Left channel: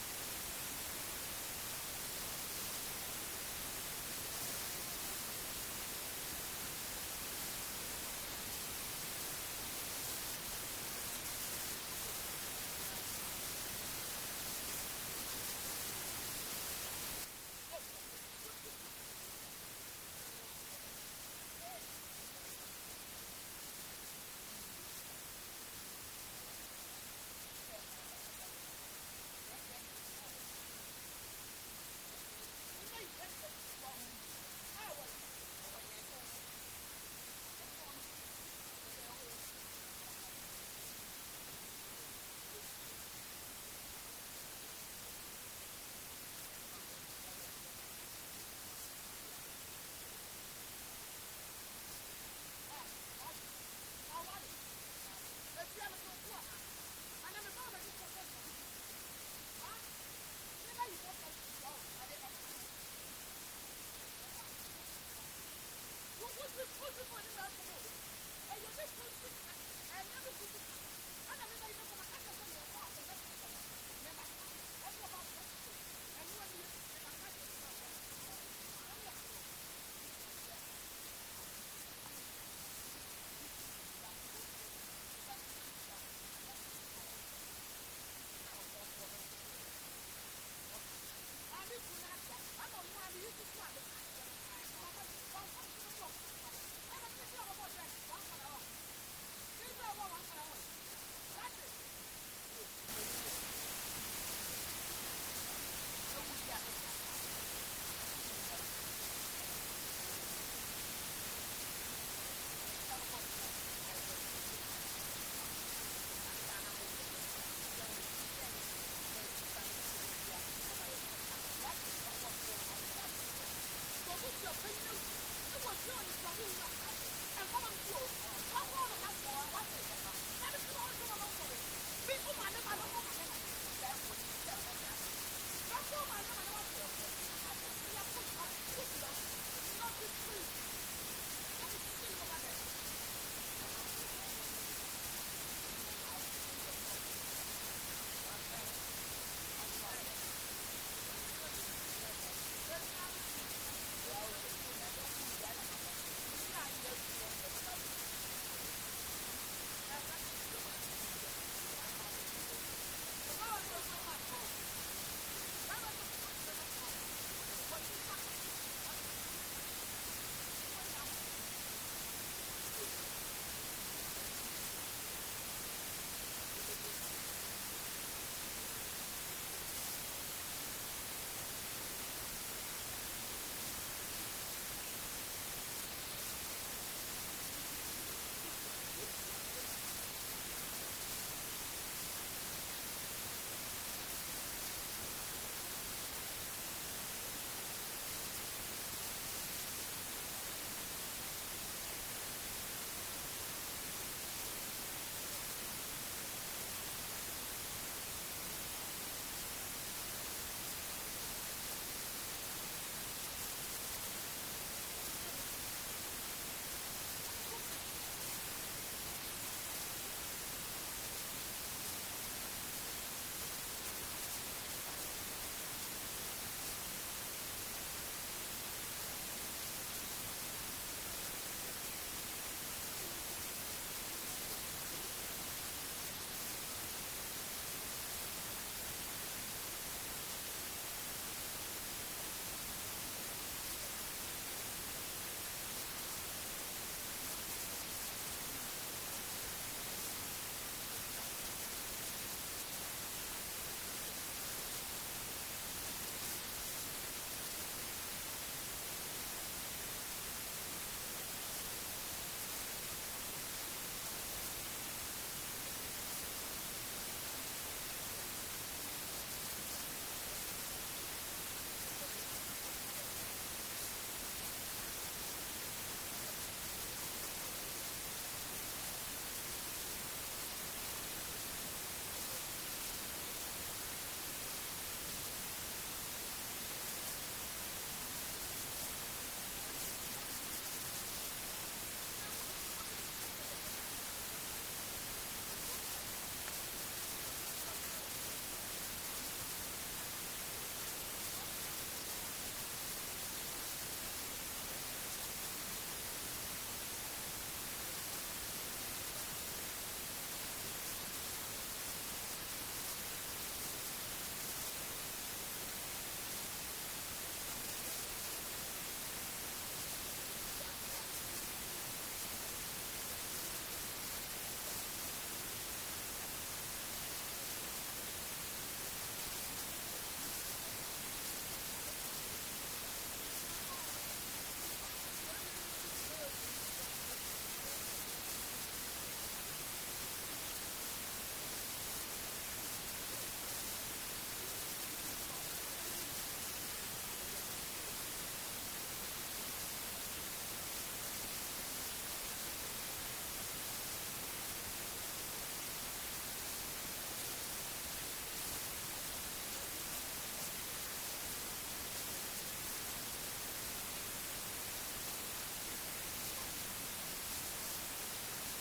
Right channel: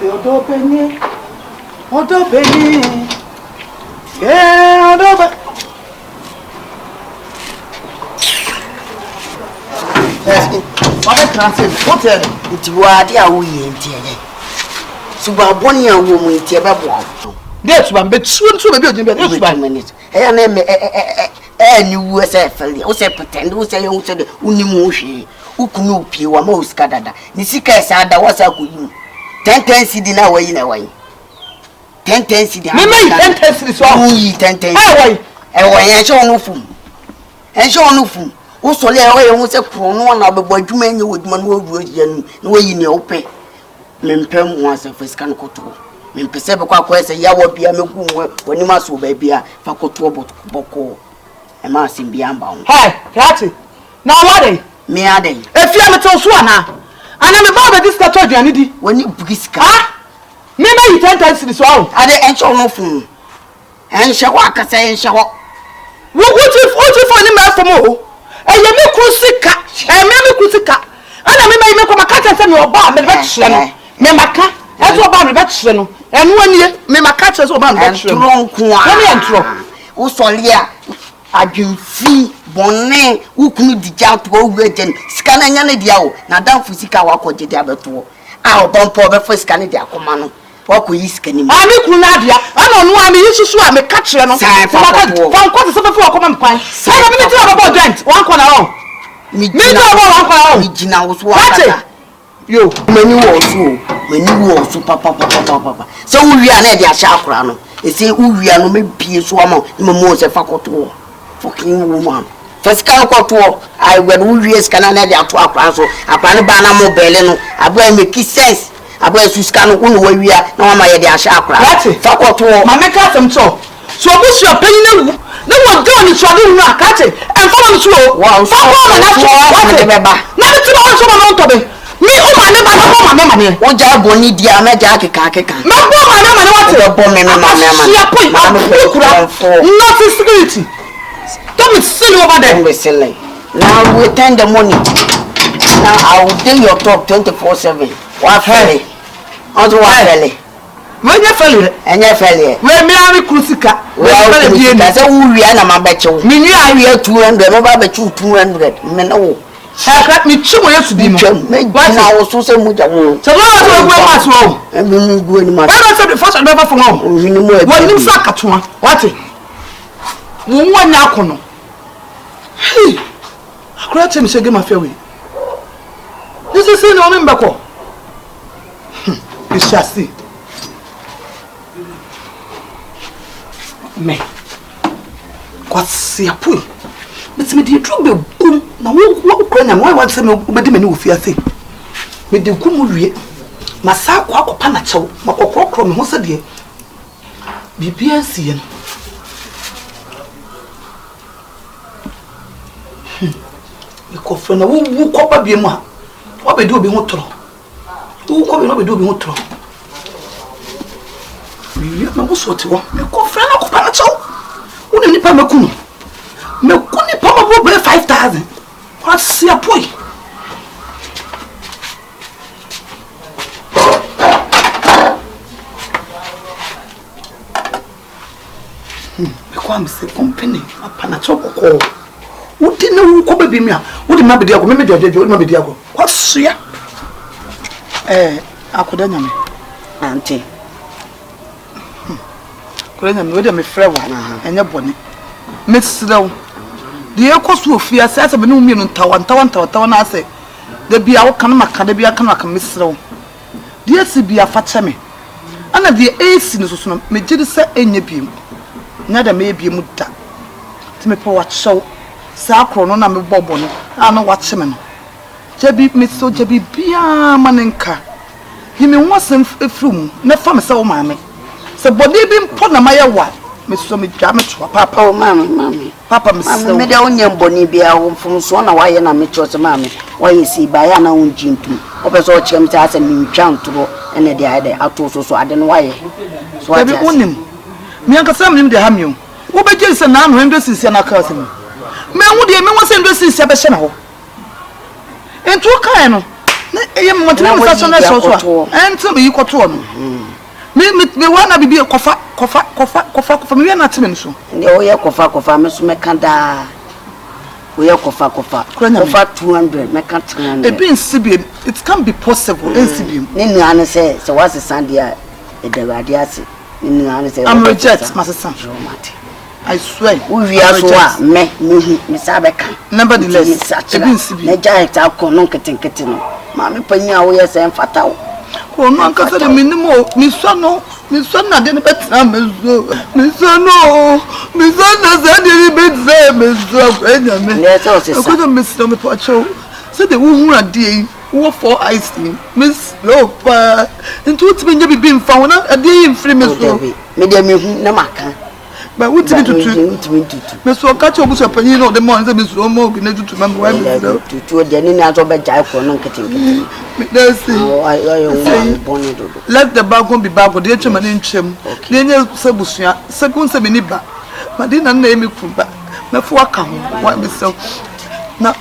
Odobeni. Yeah, Odobe. What a transit. What a it was the away in Tier. Suba Bonnie and woman in Tier. That's one, but soon to be built in minutes. And you were say pretend, who say you said Unimushi, Ukunupi, or most Canada. Nisika said that was a good 10 cedi na way in a way. 10 cedi. Me 10 cedi so we 10 cedi. Eh way en show no fum. En show no fum. Wo so le way won se krono na bebo adwuma enye woduma no wo anu. Na way ni ope. Me mpem ho ase fisika no koto. Me mpese be kwa kwa se ya wo bia meku woni ma so ba bia fa koto boko. E ma sim bia amba ho. Hey, Rati. Na what me ade. Efia me to so ana. Ana me ba be discuss aduane di. Woni bugiska. Ah? Me na you 10 times this one. Ade encho no fun. Enche wa kasa enche ho. What if for any man from o? E ye me krusika. E me krusika. Ana me ko maka se me oba me be kire no. Me maka. E to oba me be kire no. Enu ani me maka kire so oba me be kire no. Entro nko a. Me entro. Wo sole a adwumfi bonne ukunu dija to owejen sika na nya na dia o na danfo sika wakoje dia beto a obonpo be fo sika na dia akoma no wakoyi sika ni a me kunu na dia ana no a me yisusu a me ka kire no fa nko se fo akoma mpan na me ti aba dent wan ko na on me do aba wan ko na on me gina wo so wa yo mani wo so papa so wi a na dia sha akora no e se wi a no me bie so ama me mo se fa koto fucking woman. First can go I will use canana to across so upon banana mobile no I make sense. I wear Suscan who we are no my dear chakra. That's it. Fuck to my make them so. So what's your opinion? No one doing it, so I didn't not catch it and follow the show. Wow, so never. Never to also on to me. Me, oh, my name, what job will need the American kaka. No, my not security. Don't be silly over there. Silly. Now we attend the money. Now I will do your talk 24/7. What fairly? Also what fairly? When you fairly, and you fairly. When me are crucica. Well, that's a we are my betcha. Me knew I hear 200, no bet you 200. Men oh. I got me 2 years to be make I was so much. So what's wrong? And we go in my the first never from home. What you sack at one? What? One yakono. Hey, I cried him say my fairway. This is in on him back. You shall see. Me. What's your point? But me the trouble boom. Now what when why want some me me no fear say. Me the kumu wie. Masa kwa akopa na chew. Makokro me ho se de. Bibia sie no. Ko fe na wo ko ba bia mu ha. Wo be do obi ho toro. Wo ko be no be do obi ho toro. Mi na wo so te wo. Me ko fe na ko pa na chew. Wo ni pa makunu. Me kuni pa ma bo 5,000. What see a boy? Me say company apana choko ko. Wo di na wo ko ba bi mi a. Wo di ma be di ago, me di ojeje, wo di ma be di ago. What see ya? Akwadaa Nyame. Auntie. Akwadaa Nyame, wo di me frɛ wo. Enye bone. Me srew. The equals fear says a new million tower na say. The be our canamaka, the be a canaka misro. Dear Sibia Fatame. And at the ace in the son, Majid say any beam. Neither may be mutta. To me, poor show. Sacro, no number bobon. I know what semen. Jabby Miss so Jabby Bia Manenka. He may want some flume, no farm so mammy. So, body being put on my wife. Miss Sommy Jammet, Papa, oh, mammy. Papa, Miss Onion Bonibia from Swana, why and I met your mammy. Why you see by an own gin too. Opposite all chums as a new chant to go and the idea out also so I don't know why. So I own him. Me and Cassam him the hamu. What by Jason now, when this is an accusing? Man, would you mean what's in this is a channel? And to a kind e yem montena me so na so ento me yikoto no me wana bibi kofa me na teme so ne o ye kofa me so me kanda o ye kofa 200 me kan 300 e bi nsibi it can be possible nsibi ne nuane say what's the sandia e de radi ase ne nuane say I'm reject masesa I swear we are so me sabeka nevertheless e bi nsibi na ja ta ko no ketenkete no ma me panya wo ye say mfata wo ko no ankasa de minimo mi so na de ne betra mezo za de ne betra mezo enya me ko do mesro me poacho se de wo hu ade wo for ice cream miss lopa ntu utime nya bibi mfa wona ade yi mfiri mezo me de me hu na maka ba wuti tutu meso ka che obuso panyin no de mo nze meso mo bi na tutu ma wa meso tutu de ni na so be jai ko no nketenkete let's see let the bag be bag de etwa mane nchem na enye sebusua sekun se meni ba Madina na emi kuba na fu aka ho wa meso na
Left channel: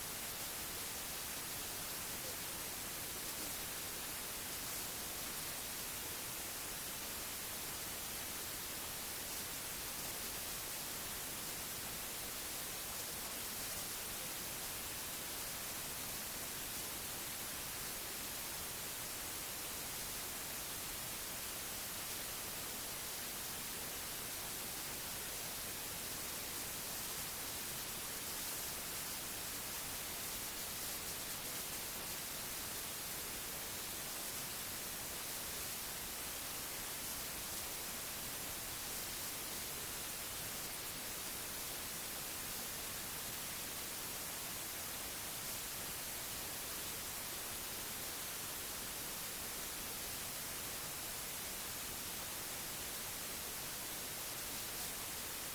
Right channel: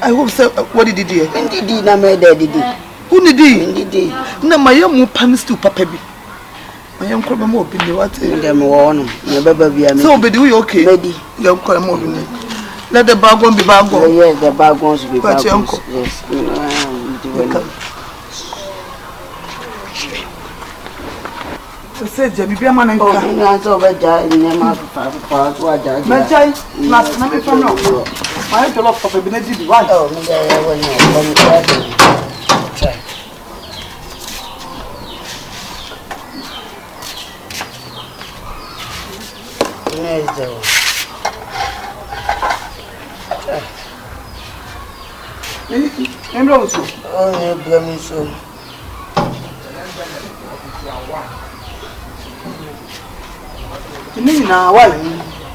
I hope say what did you do ndidi na me de didi who ndidi na mayamu panistu papa bi I am calling more in the water. Them one, never be a so be we okay. Lady, you call more. Let the bag be bag. Yes, the bag wants to be bag. Yes. So say, Jabby, be a man and go. I'm so bad. Never pass what I my child. Last night from now. I have a lot of ability. Why? Oh,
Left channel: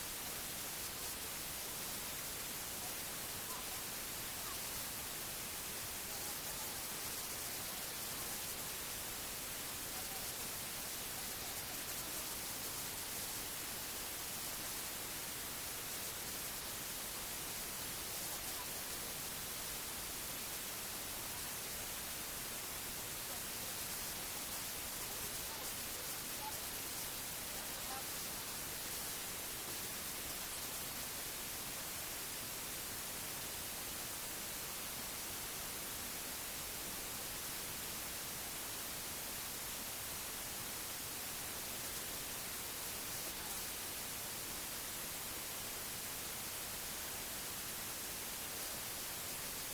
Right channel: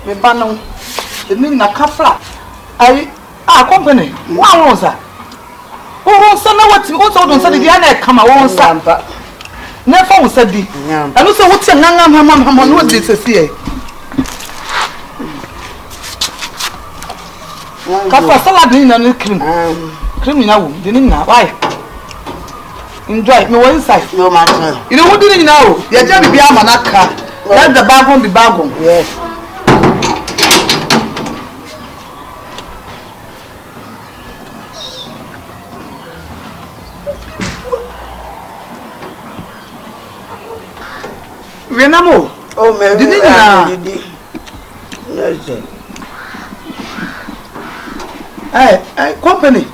me banner, the meaning a kafla. Kompany. Wow, sir. Oh, so now what you also don't say the other come on, Sampa. Never said the. I don't say what's a mamma, what this is here. Kafla salad in a cream. Criminal, didn't know why. Enjoy me one side. No matter. You know what didn't know? You're just be a manaka. Let the bag on be bag on. Yes. Renamo. Oh, man. Didn't you? Hey, Kompany.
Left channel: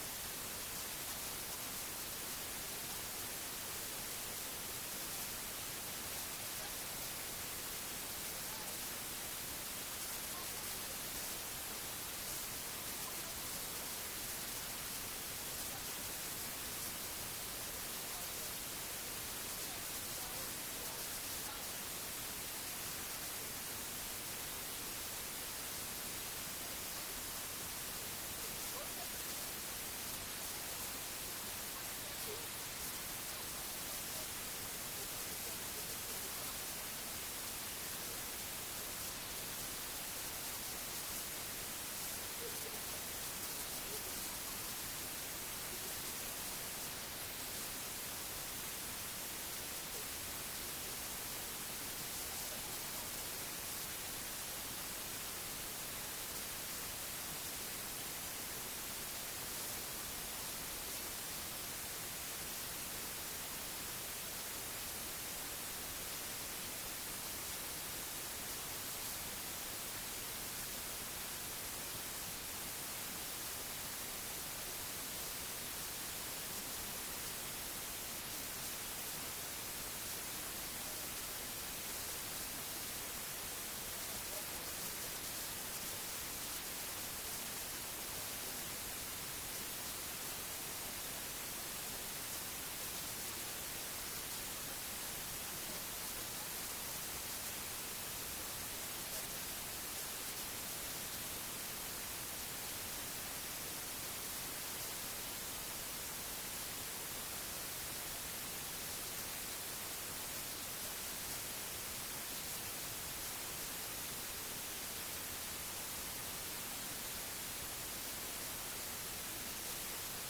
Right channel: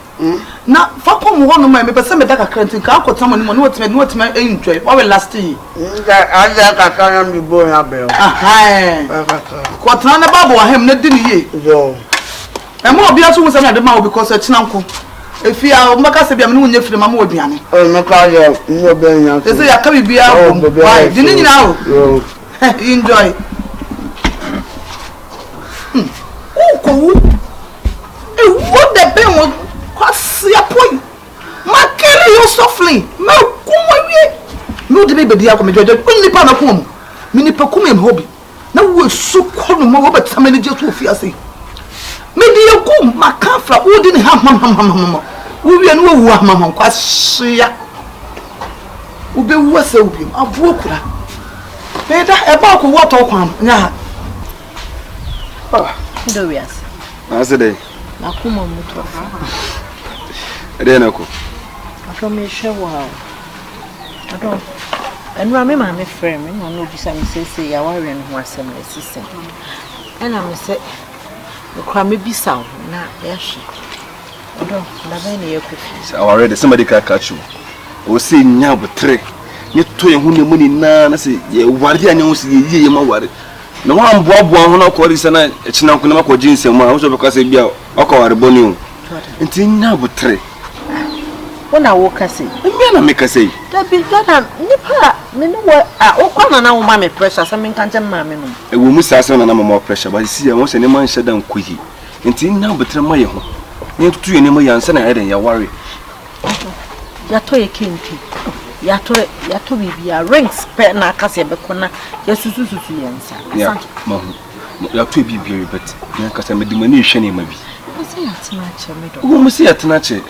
Na fa kom ho no ma me pese me daka krantin ka akota mo no what me enjoy what will last year aza ka kan mi bo ya be kwotana na babo wa hem na di ni ye yo e mo obi aso wo se na de ma wo because e china nko e fi a maka se bia me no nya firi ma mo oduane o me ka ye ni obi nya so se ya ka bibia ko why di ni nyina o yo enjoy ko e what the be mo kwasi apoi makere you softly me kuma wie no de be dia ko me jojo nipa na ko mu me nipa kuma em hobi na wo su ko no ma wo betama ne je to fi ase me dia ko makafra wo di ne ham wo wie no wo ham kwasi ya wo be wo ase wo bi abo kura me da e ba ko wo to kwam nya do wias asede na kuma mutu Renako. From share wow. I don't and remember my friend, no be some say ya worry and who are some assistant. And I say the crime be sound na yes. I don't have any equipment. Already somebody can catch you. O say nya bo tre. Ni to ye hu ne mu ni na say ye wari anya hu say ye ma wari. Na wa mboabo ho na ko ri se na echina ko na ma ko jinsem a wo so be ka say bia o ko wari boni o. Nti nya bo tre. When I walk, I say, I make a say, that be done. Nipa, me know what I come and now, mammy pressure, something can't tell mammy. A woman says, and I'm more pressure, but I see I want any man shut down quickly. Until now, but my home. Near to any more young son, I had in your worry. Yato king, Yato be a rings, pet na case, but corner, yes, to answer. Yeah, Mom, you have to be very but because I'm a diminution, maybe. I say, it's not a middle. Who must see at Nache?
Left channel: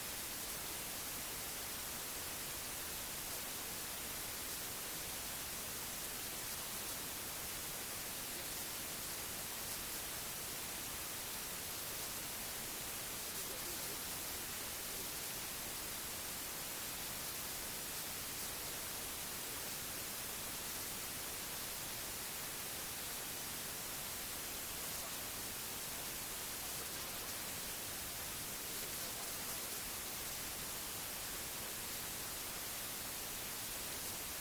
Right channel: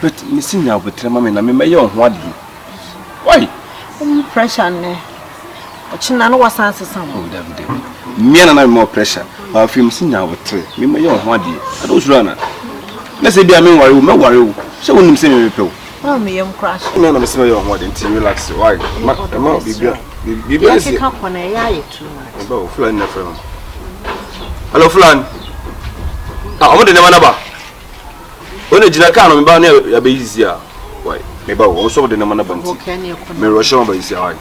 But missing now with Mamma and I may young what do you? Why? Pressure, ne? Chinano was answer some. Me and I more pressure. I feel missing now with 3. Me my young what do you? I don't run. Let's say, I mean, no worry. So when you see me, people. Oh, me, young crash. No, I'm missing your what until relax. Why? My be busy. Come on, I too much. Flan, hello, Flan. I want the number. When the Jinaka and Bania are busy, why? Maybe also the number of Mirror by his eye.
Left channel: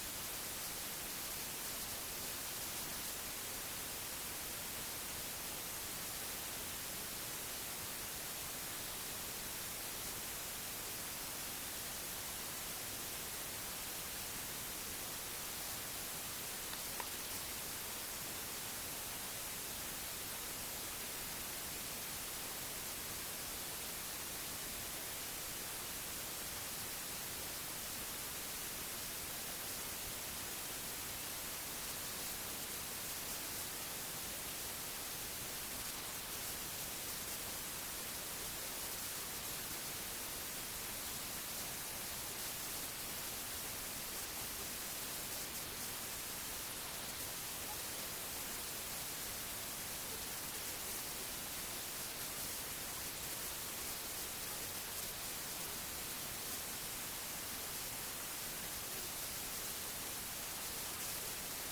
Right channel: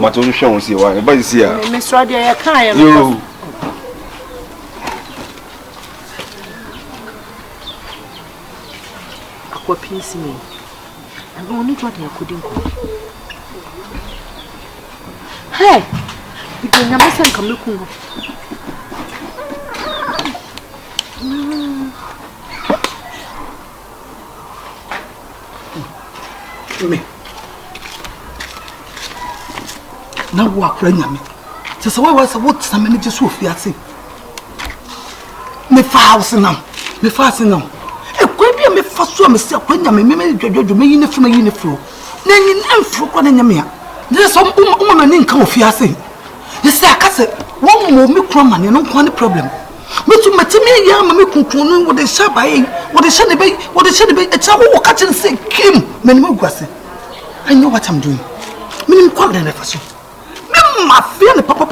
What only shows you why? By his ear. Miss Radia, I you. What piece me? I'm only what I couldn't go. Hey, because Nyame sen come look. Me. Now walk right Nyame. Just why was what some many just so fiancé. Me house now. Me fast now. Me first so me say Nyame me dwodwo me yine fuma yine fro na yin amfro kwa na Nyame a there some woman nin ka ofiase you say akase won mo me kro man no kwa ne problem me to matimi ya ma me kunkun no wo de sha bae wo de sha ne be e cha wo ka chen say kim me ne magwase I know what I'm doing me nim kwa de na faso me ma feel ne papa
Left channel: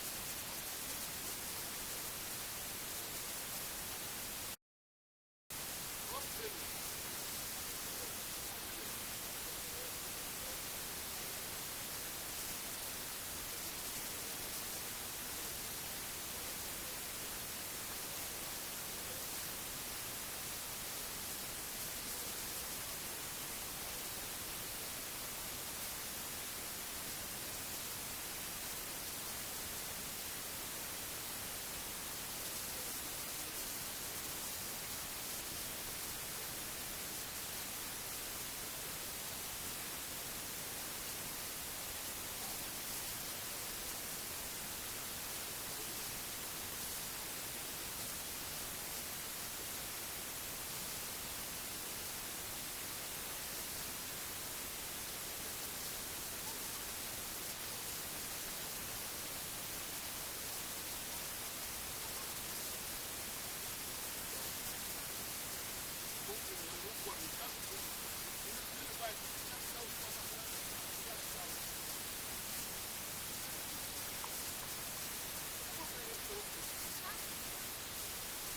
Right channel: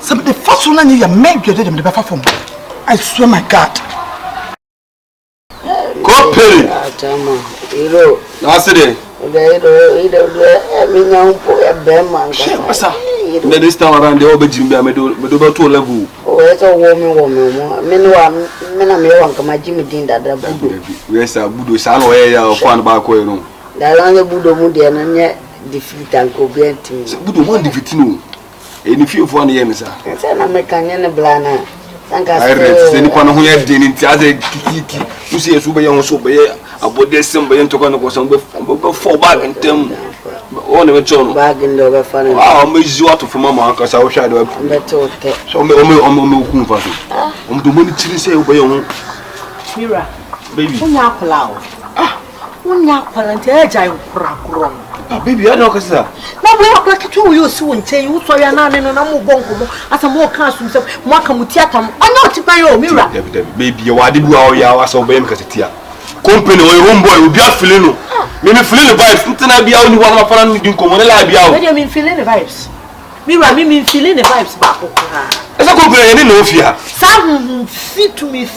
some the first one na ya me dwodwo dem de be fa form I swear my God. Kompany. Atama. Iro. Naside. Iro. Me nyam po e be man. What's up? This time around the obejimbi me do about 2 level. Oh, it's a woman. Me no me na me wan kama Jimmy din dada budo. Yes, budo sa no ya kwan ba ko no. Da lan budo mu de na nye defeat an ko bienti. Budo mo defeat no. Eni fiefo na ye me sa. Say na me kanye ne blana. I read the Nippon who had been in Tiaze Kiki, who sees who be on so be about this symbol and took on the some before back and them on the channel bag in the funny. I'll make you out of Mamma because I wish I would better. So, me the money chili say, obey on Mira, baby. Baby, I know, sir. Now we are like 2 years soon. Tell you so. You're not in a number bongo as a more castle. Makamutiatam. I'm not to buy your mirror. Baby, you are the boy. You are so bad because it's here. Kompany or homeboy will be out feeling. Maybe feeling the vibes. Something I be only one of my friends in Kompany. What do you mean feeling the vibes? Mira, me mean feeling the vibes back. As a Kompany, I didn't know if you have. Some fit to me,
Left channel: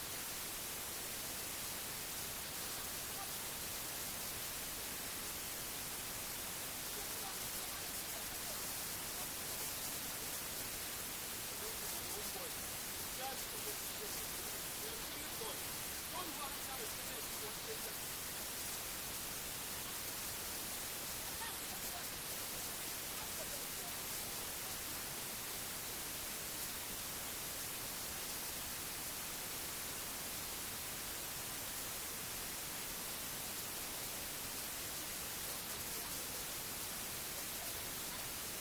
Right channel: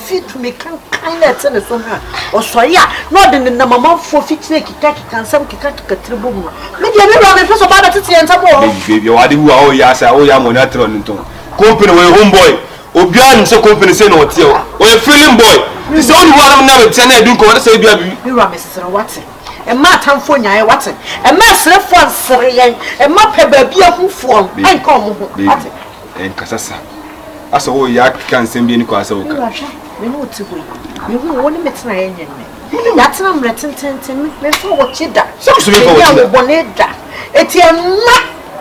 can't kind of tell us somehow. Or so, yeah, not in the number for fixing can some kick at the tribu. Maybe I never have a about it and some baby, what do you owe? Yes, I owe you monotone. Kompany or homeboy. Obian so Kompany say no tell. Or a feeling boy. It's only one I'm never telling you to say, Mira, Mr. Watson. And my time for you, Watson. And my slip for Syrian. And my pebble be a who form. I come and Casassa. As a whole yak can send me in Casa. We know to go. You won't meet my engine. That's not written to me. Before what you done. Some bonnet. It's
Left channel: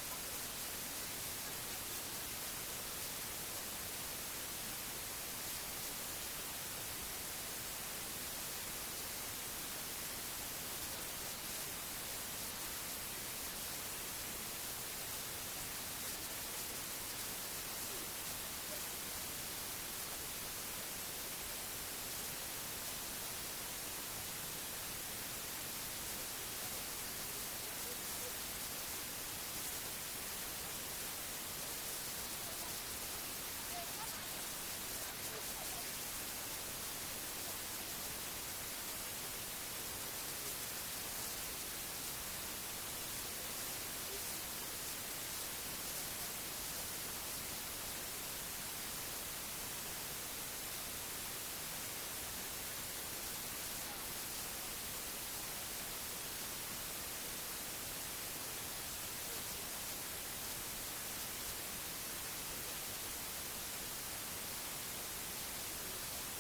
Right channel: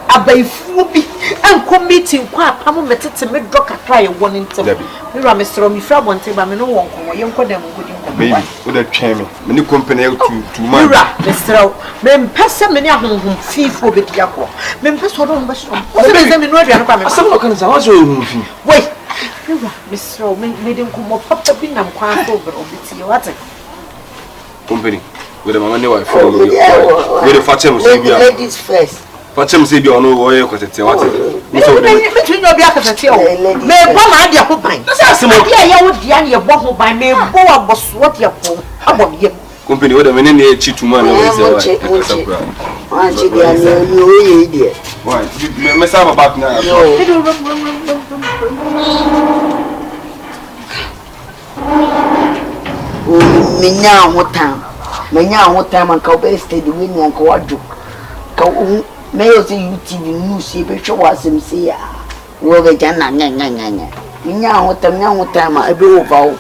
a bay fooby and committing quite a moment to make Doctor try one in Mira, Mr. Omifra one table. I no one young for them. Baby, with a chairman, many Kompany to Mira, Mr. Men pass a many home fee for the Yako. Men pass what on Basham. What's the name in some locals are also wait, Mr. Made him come up to be nam quite over of the water. Kompany with a money wife for with a fatem ladies first. Fatem say you know where because it's what between your back at the may one idea who pine. That's a yeah, would the idea of by me, Boa was what you're for. About you. Kompany with a minute cheat to man. Why? Mess up about now. Menya what time and Cowbell stayed the winning and Coadjo. May say you TV news, see, but show us him see. Rover Jana, Menya what time I do about.